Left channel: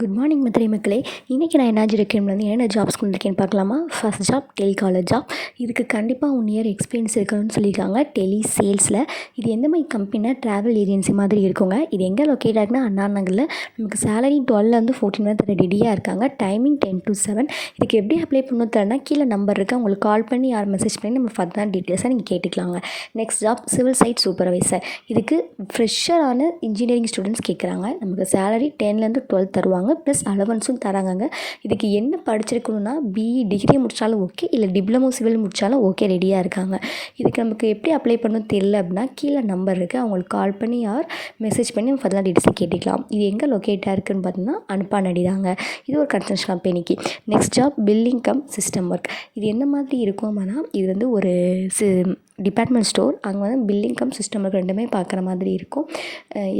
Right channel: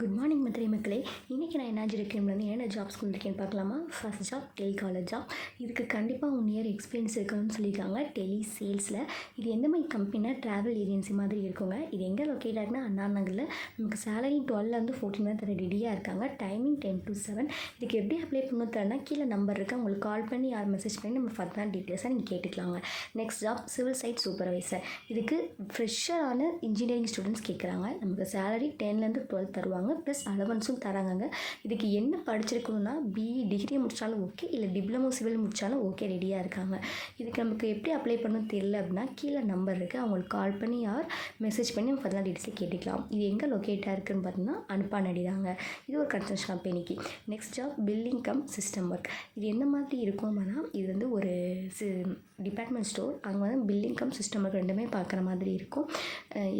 Good morning Madurai மக்களே. இன்றைக்கி நான் என்ன வந்து என்னென்ன ஜாப்ஸ் கொண்டிருக்கேன்னு பார்க்கலாமா? ஃபஸ்ட் ஜாப் டெலிகாலர் ஜாப் இதுக்கு கண்டிப்பாக ஒன் இயர் எக்ஸ்பீரியன்ஸ் இருக்கணும்னு சொல்லியிருக்காங்க டெலி சேல்ஸில் இது எந்த மாதிரி கம்பெனினா ட்ராவல் ஏஜென்சி மாதிரி இருக்குங்க. இது எங்கே லொக்கேட் ஆகுனா அண்ணா நகரில். நமக்கு சேலரி டுவெல்லேருந்து ஃபோர்டீன் வந்து ரெடியாக இருக்காங்க. டைமிங் டென் டு செவன் இதுக்கு எப்படி அப்ளை பண்ணணும் தரனா கீழே நம்பர் இருக்குது அவங்களுக்கு கால் பண்ணி யார் மெசேஜ் பண்ணி நம்ம ஃபர்தர் டீட்டெயில்ஸாக நீங்கள் கேட்டுக்கலாங்க. Next job civil site supervisor இதுக்கு ஃப்ரெஷரான இன்ஜினியரிங் ஸ்டூடெண்ட்ஸ் கேட்குறாங்க நமக்கு சேலரி டென்லேருந்து டுவெல் தருவாங்க. ப்ளஸ் அலவன்ஸும் தராங்கங்க. இதுக்கு என்ன படிச்சிருக்கணும்னா பிஇ டிகிரி முடித்தாலும் ஓகே இல்லை டிப்ளமோ சிவில் முடித்தாலும் ஓகே ரெடியாக இருக்காங்க. இதுக்கு நமக்கு எப்படி அப்ளை பண்ணணும் தெரியல அப்படின்னா கீழே நம்பர் இருக்குது அவங்களுக்கு கால் பண்ணி யார் மெசேஜ் பண்ணி நம்ம ஃபர்தர் டீட்டெயில்ஸை கேட்டுக்கலாம். இது எங்கே லொக்கேட்டாக இருக்குதுன்னு பார்த்தீங்கன்னா அனுப்பானடி தாங்க. இது ஒரு கன்ஸ்ட்ரக்ஷன் கம்பெனிக்கு next job billing cum system work இது என்ன மாதிரி இருக்கும் அப்படின்னா இது வந்து ஒரு சி டிபார்ட்மெண்ட் ஸ்டோர் அங்கே வந்து பில்லிங் கம் சிஸ்டம் ஒர்க் ரெண்டுமே பார்க்குற மாதிரி இருக்கும்.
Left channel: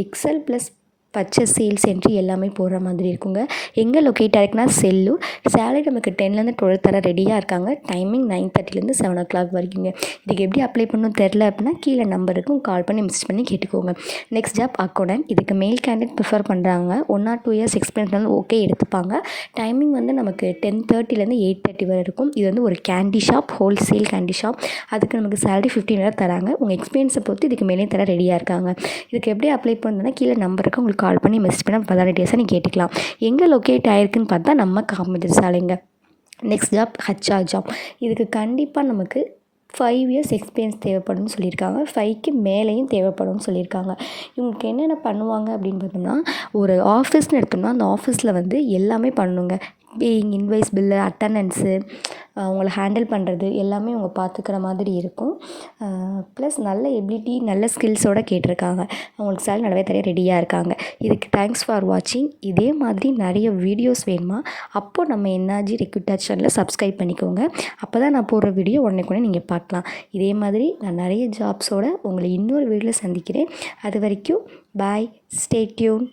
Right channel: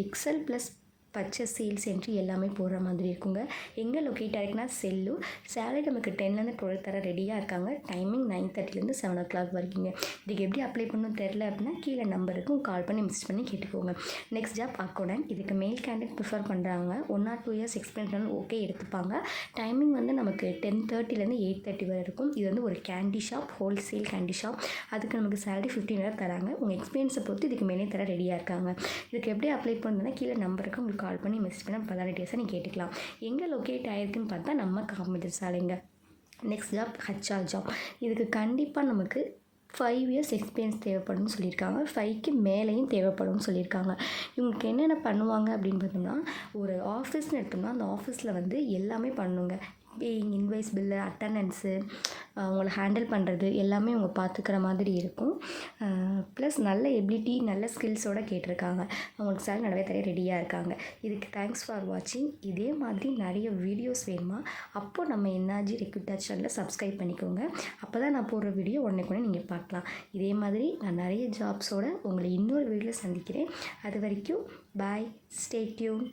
Excel plus purchase sales entry எல்லாமே போடுற மாதிரி இருக்குங்க. எங்கே லொக்கேட் ஆகிருக்குன்னா செல்லூர். சேலரி நமக்கு டென்லேருந்து டுவெல் தர ரெடியாக இருக்காங்க. டைமிங் நைன் தேர்ட்டிலேருந்து செவன் ஓ கிளாக் வரைக்குங்க. இதுக்கு எப்படி அப்ளை பண்ணணும் தெரில அப்படின்னா கீழே நம்பர் இருக்கும் கால் பண்ணி மெசேஜ் பண்ணி கேட்டுக்கோங்க. நெக்ஸ்ட் ஜாப் அக்கௌண்டன்ட் இதுக்கு மெயில் கேண்டிடேட் ப்ரிஃபர் பண்ணுறாங்க one or two years experience வந்து ஓகே எடுத்துப்பாங்க. டைமிங் வந்து நமக்கு டென் தேர்ட்டிலேருந்து எயிட் தேர்ட்டி வரை இருக்கும். இது வந்து ஒரு candy shop wholesale candy shop அதுக்கு நமக்கு சேலரி ஃபிஃப்டின் வரை தராங்க. உங்கள் எக்ஸ்பீரியன்ஸை பொறுத்து இதுக்கு மேலே தர ரெடியாக இருக்காங்க. இதுக்கு எப்படி அப்ளை பண்ணணும்னா கீழே நம்பர் உங்களுக்கு கால் பண்ணி மெசேஜ் பண்ணி பல டீட்டெயில்ஸாக நீங்கள் கேட்டுக்கலாம். எங்கே லொக்கேட் ஆகிருக்குன்னு பார்த்தா நம்ம காமராஜர் சாலைங்க. நெக்ஸ்ட் ஜாப் ஹச்ஆர் ஜாப் இதுக்கு கண்டிப்பாக நமக்கு ஃபைவ் இயர்ஸ் எக்ஸ்பீரியன்ஸ் தேவைப்படும்னு சொல்லியிருக்காங்க. ஃபைவ்க்கு மேலேயும் தேவைப்படும்னு சொல்லியிருக்காங்க. இவங்களுக்கு என்னென்ன பண்ணுவாங்க அப்படின்னு பார்த்தோம்னா ஒரு ஆஃபீஸ்னு எடுத்தோம்னா அந்த ஆஃபீஸில் வந்து எல்லாமே பண்ணுங்க. பேயிங் இன்வைஸ் பில்லு அட்டண்டன்ஸு அவங்கள ஹேண்டில் பண்ணுறது எல்லாமே அவங்க பார்த்துக்கிற மாதிரி இருக்கும். ப்ளஸ் நல்ல எபிலிட்டி நல்ல ஸ்கில்ஸோடு கேட்டிருக்காங்க. அவங்களுக்கு சேலரி நல்லாவே தெரிய ரெடியாக இருக்காங்க. இதுக்கு தேங்க்ஸ் ஃபார் வாட்சிங் இதே மாதிரி நிறைய வீடியோஸ் வேணுமா? அப்போது நம்ம என்ஆர்ஜி ரெக்யூட்டர் சேனலை சப்ஸ்கிரைப் பண்ணிக்கோங்க. அப்போ தான் நான் போடுற வீடியோ உடனே கூட நீங்கள் பார்க்கலாம். இதே மாதிரி நான் நிறைய ஜாப்ஸோடு உங்களை இன்னொரு வீடியோவில் சந்திக்கிறேன். அது வரைக்கும் பாய் ஸ்டே டியூன்